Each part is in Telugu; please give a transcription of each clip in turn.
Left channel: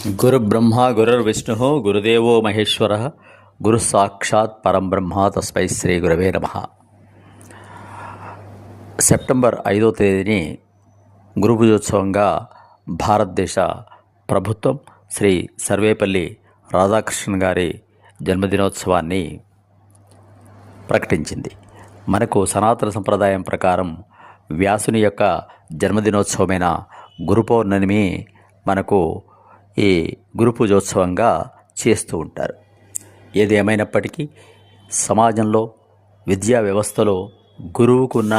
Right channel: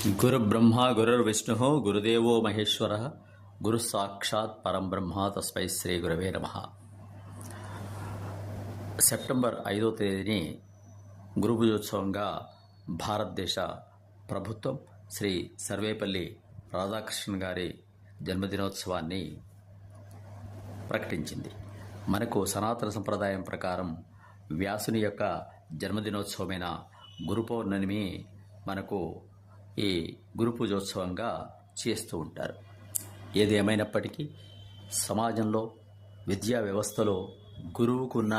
గురుబ్రహ్మ గురుర్విష్ణు గురుదేవో మహేశ్వర గురు సాక్షాత్ పరంబ్రహ్మ తస్మై శ్రీ గురవే నమః. సెప్టెంబర్ 5వ తేదీని గురు పూజోత్సవంగా భారతదేశ ప్రభుత్వం శ్రీ సర్వేపల్లి రాధాకృష్ణన్ గారి జన్మదినోత్సవాన్ని ప్రకటించింది. మనకు సనాతన సంప్రదాయం ప్రకారం వ్యాసుని యొక్క జన్మదినోత్సవమైన గురు పౌర్ణమి మనకు ఈ గురు పూజోత్సవంగా చేస్తూ ఉంటారు. ఏది ఏమైనప్పటికీ సమాజంలో విద్యా వ్యవస్థలో గురువుకున్న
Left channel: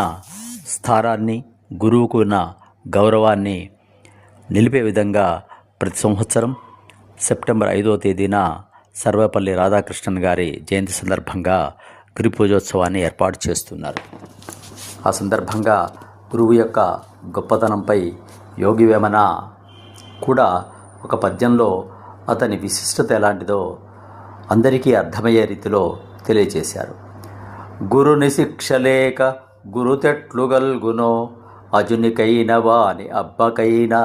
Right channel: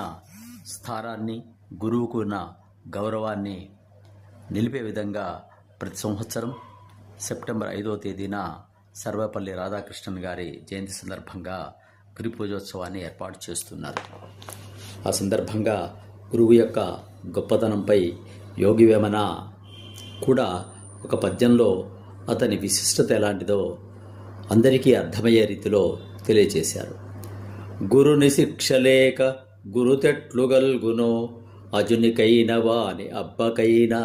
స్థానాన్ని, గురువుకున్న గౌరవాన్ని నిలిపే విధంగా ప్రతి సంవత్సరం సెప్టెంబర్ 5వ తేదీన సర్వేపల్లి రాధాకృష్ణన్ గారి జయంతి సందర్భంగా గురు పూజోత్సవాన్ని ఏర్పాటు చేస్తున్నారు. ఆ సందర్భంగా గురువు యొక్క గొప్పతనంపై యోగి వేమన కూడా ఒక పద్యంలో అతని విశిష్టత ఎలాంటిదో అందరికీ అర్థమయ్యే రీతిలో తెలియజేశారు. గురుని శిక్షలేక గురుతెట్లుగల్గునో అజునికైన వాని అబ్బకైనా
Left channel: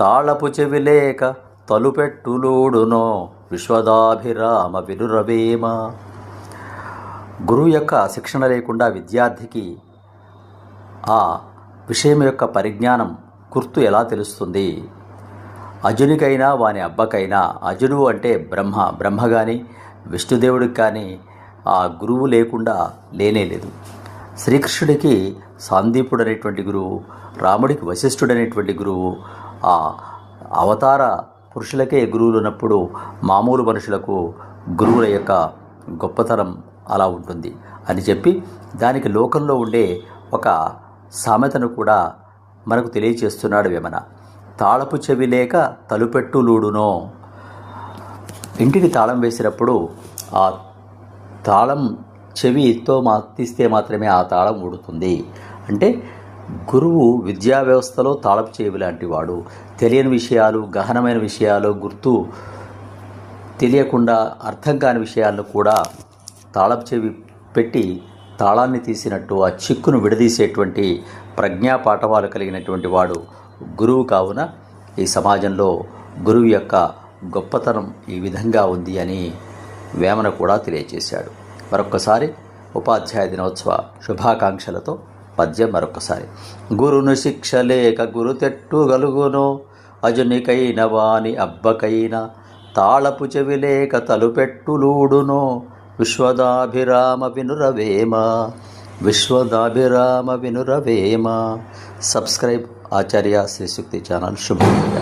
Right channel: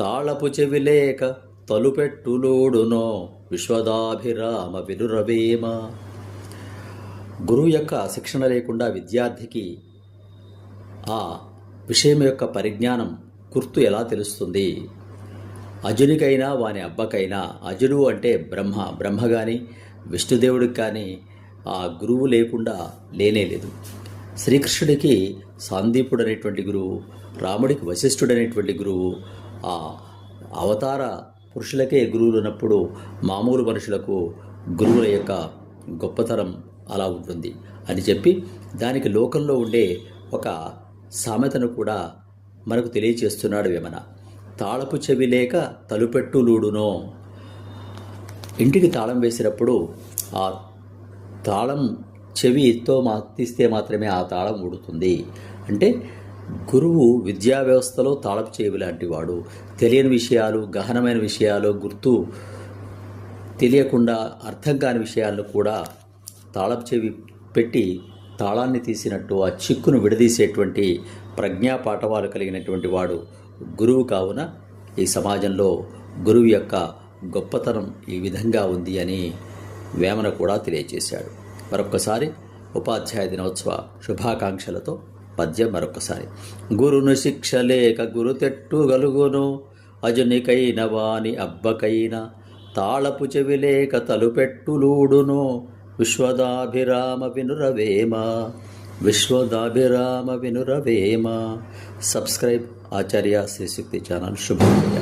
తాళపు చెవిలేక తలుపెట్టులూడునో విశ్వదాభిరామ వినురవేమ. గురువు యొక్క శిక్షణ లేకుండా విద్యార్థికి ఆ విషయం యొక్క పరిజ్ఞానం గుర్తు ఎలా తెలుస్తుంది? అజునికైనా వాని అబ్బకైనా, అజుడు అంటే బ్రహ్మ కానీ విష్ణుదేవుడికి కానీ ఆ గురువు లేకుండా లేనేలేదు. శ్రీకృష్ణుడికి సాందీపుడు అనేటువంటి గురువు, రాముడికి వశిష్ఠుడు అనేటువంటి గురువు, ఆ అవతార పురుషులకే గురువులు ఉన్నప్పుడు మామూలు మనుషులకు గురువుల యొక్క గొప్పతనం అలా ఉంటుంది అని చెప్పి దానికి లోకంలో ఉండే ఒక సామెతను కూడా మనకు తెలియచేస్తున్నాడు వేమన. తాళపు చెవి లేక తలుపెట్టులూడునో. ఇంటికి తాళం వేసినప్పుడు ఆ తాళం చెవితో తీస్తే మాత్రమే ఆ తాళం ఊడుతుంది. అంటే గురువు విద్యా వ్యవస్థలో తాళపు చెవి లాంటి వాడు. తెలియని విషయాలు, గహనమైన విషయాలు, గుర్తు తెలియకుండా అర్థం కాని విషయాలను కూడా తాళపు చెవి పెట్టి తాళాన్ని తీసినట్టు ఆ చిక్కును విడదీసేటువంటి ప్రజ్ఞా పాఠవాలు కలిగినటువంటి వాడు గురువు. కావున ఈ సమాజంలో గురువు యొక్క గొప్పతనం ఈ విధంగా ఉంది అని వేమన కూడా తెలియజేశాడు. మరొక్కసారి ఉపాధ్యాయ దినోత్సవ శుభాకాంక్షలతో పద్యం మరొక్కసారి. గురును శిక్షలేక గురుతెట్టుగలుగునో అజునికైన వాని అబ్బకైన తాళపు చెవిలేక తలుపెట్టులూడునో విశ్వదాభిరామ వినురవేమ. విశ్వదాభిరామ వినురవేమ. సబ్స్క్రైబ్ ఆచార్య శ్రీ శక్తి ఛానల్. శుభోదయ.